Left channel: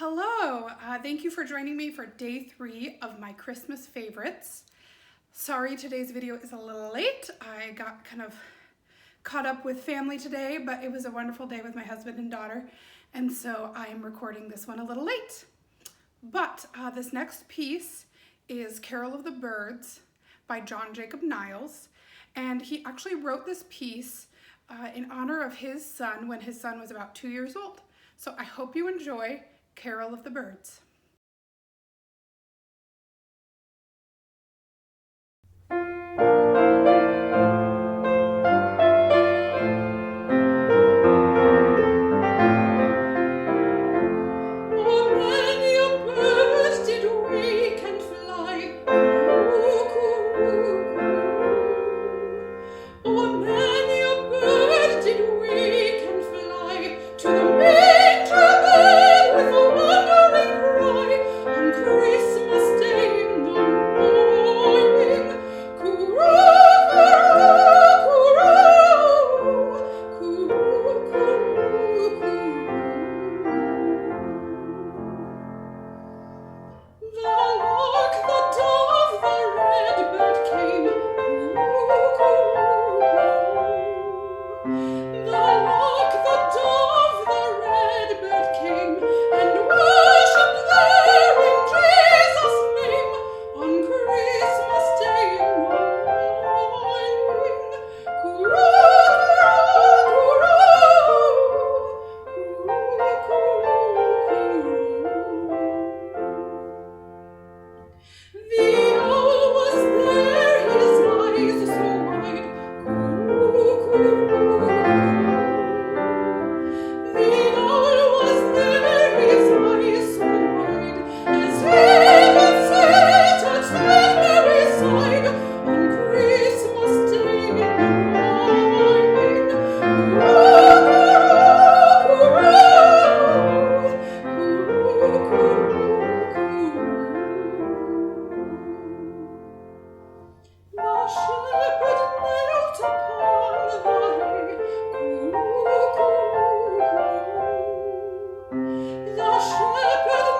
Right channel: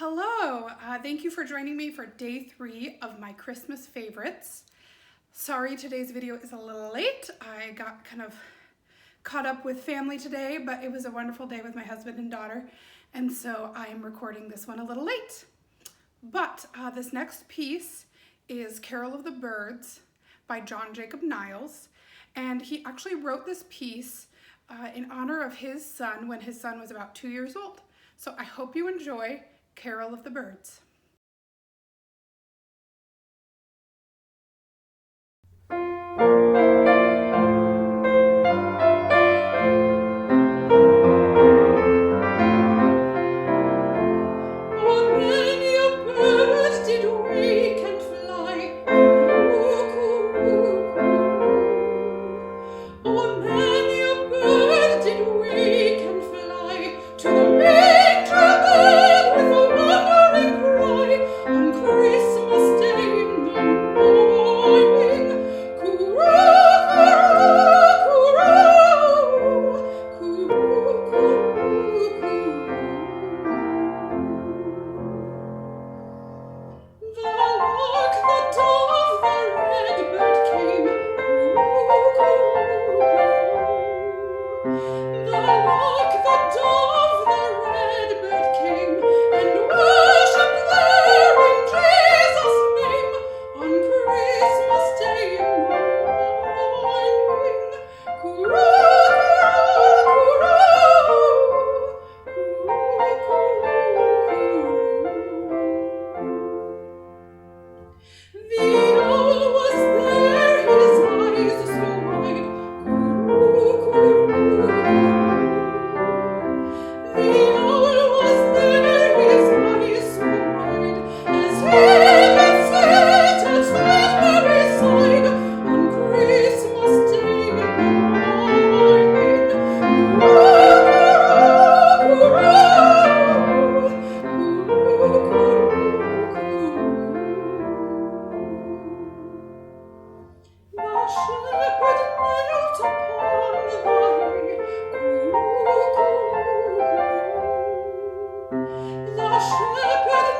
Hello, thank you for joining me for day 3 of my Christmas favorites. Sorry today's video is a little late. I got kind of caught up with family today, but it was a wonderful day with my husband and daughter, and so I am recording this one a little late. But this next piece is Carol of the Birds by John Jacob Niles, and he actually wrote this piece in honor of his son when his son was about 2 years old. So I hope you enjoy Carol of the Birds. The shepherd